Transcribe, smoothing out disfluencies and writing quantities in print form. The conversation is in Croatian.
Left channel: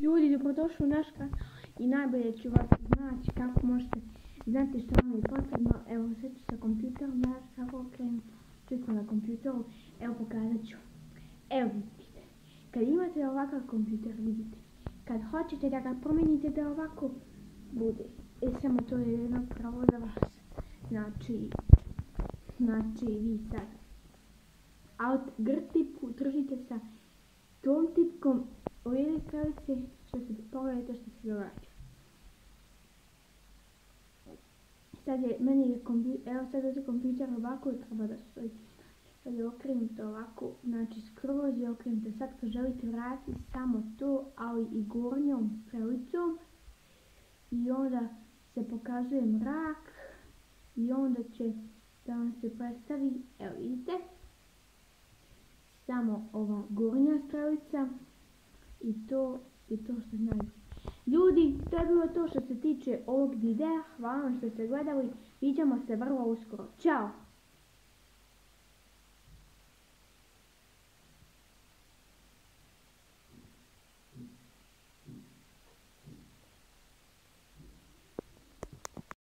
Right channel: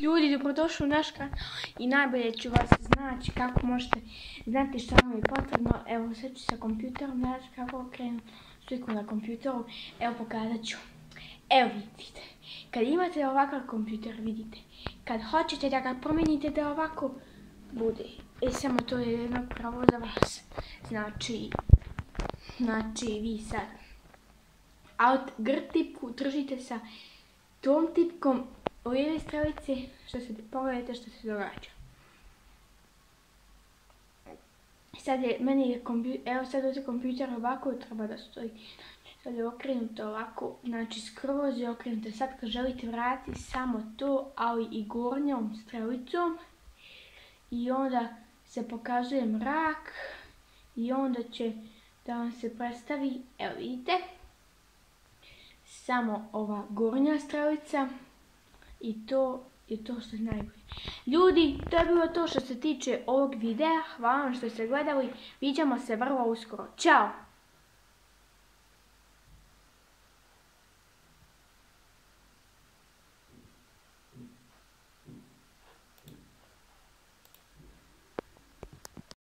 Ljudi, dobrodošli u naš kanal i najbolje ću vas znači kako možete znati što vam je potrebno. Evo sad ću sa kompjuterom gledati kako okrenu sliku na kompjuteru. Evo pokazat ću. Evo vidite, kad imate ovakav kompjuter vidite, kad hoćete da ga promijenite da ovako bude. Samo to je jedno pravo za vas. Znači vi sad Alt Gr tipku držite sa tom tipkom u lijeve strelice, pogledajte što se događa. Sad je, evo sad ovdje kompjuter ovako treba da stoji. Sad je okrenuto ovako, znači skroz je okrenuto. Sad kad želite vratiti samo to, ali i gornjom strelicom. I onda se pokazuje mrak. I onda će da vam se predstavi, evo vidite, samo ova gornja strelica. I to je to što je najbolje. Ljudi, to je bilo to što se tiče ovog videa. Hvala vam što ste gledali. Vidimo se vrlo uskoro. Ćao!